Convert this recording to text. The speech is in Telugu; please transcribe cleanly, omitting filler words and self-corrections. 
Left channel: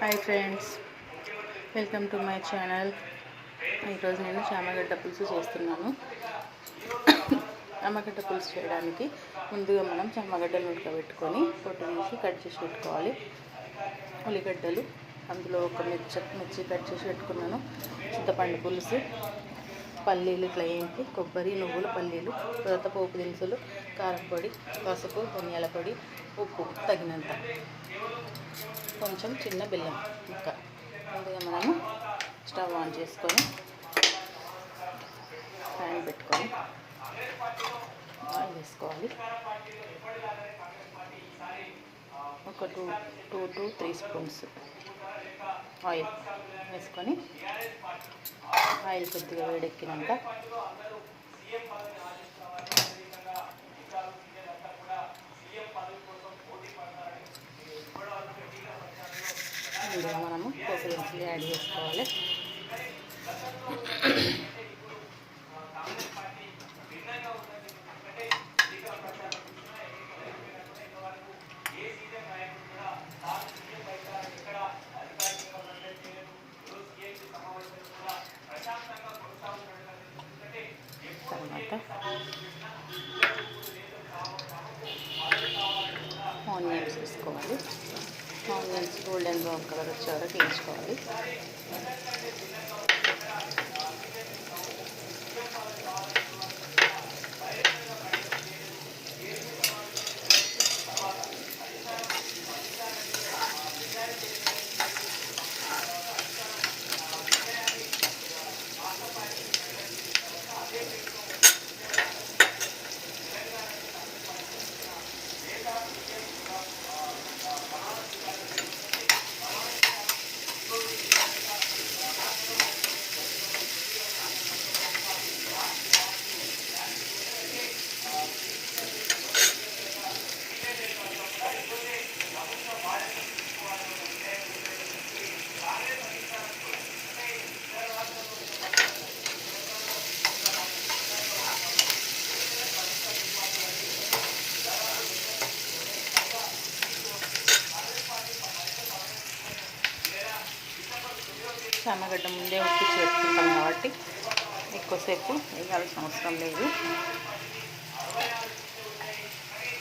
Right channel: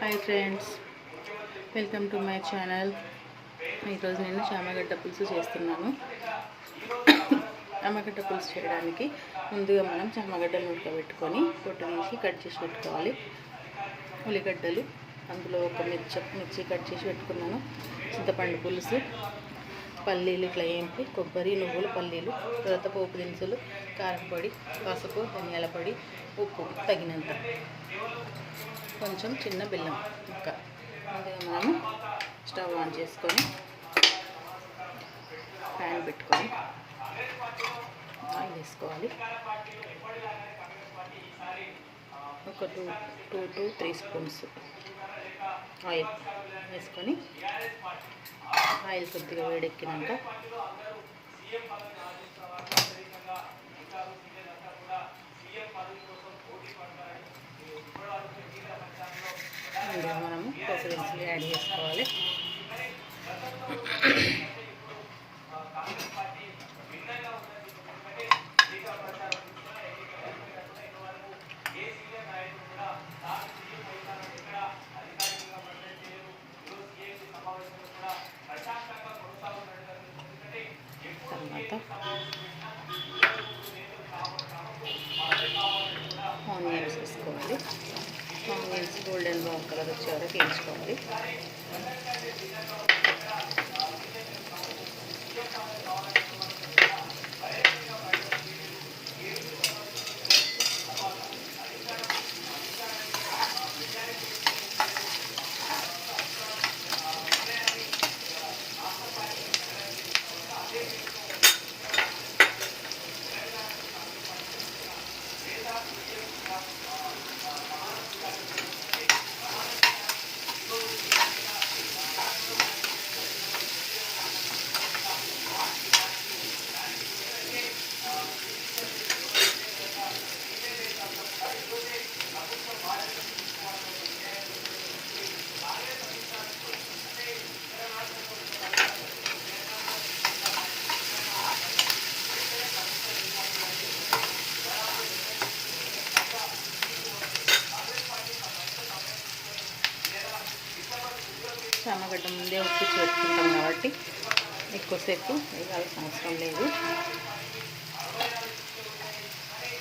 Hi friends, welcome to my channel. ఈరోజు నేను చామగడ్డ పులుసు చేస్తున్నాను. చామగడ్డ పులుసు చేయడానికి ముందుగా మనం చామగడ్డలు ఉడకబెట్టుకొని పొట్టు తీసి కట్ చేసి పెట్టుకోవాలి. ఉల్లిగడ్డలు, అందులో ఒక మిర్చి కట్ చేసి పెట్టుకున్నాను. చింతపండు పులుసు, పల్లీలు ఇట్లా ఏంటి, కొబ్బరి, నువ్వులు, పల్లీలు, తర్వాత పోపు దినుసులు, కారం పొడి, పసుపు, ధనియాల పొడి, ఉప్పు తగినంత, కొంచెం చిన్న బెల్లం ఇంకా. ముందుగా మనము స్టవ్ ఆన్ చేసుకొని ప్యాన్ పెట్టుకొని ఆయిల్ వేసుకోవాలి. ఒక 2 to 3 స్పూన్స్ ఆయిల్ వేసుకొని ఆయిల్ కొద్దిగా వేడెక్కినాక అందులో మనము పోపు దినుసులు యాడ్ చేసుకోవాలి. తర్వాత ఆనియన్స్ వేసుకోవాలి. ఆనియన్స్ గోల్డెన్ బ్రౌన్ కలర్ వచ్చే వరకు వేయించుకోవాలి. చామగడ్డ ముందే ఉడికించి పెట్టుకుంటాం కాబట్టి ఎక్కువసేపు వేయాల్సిన అవసరం లేదు.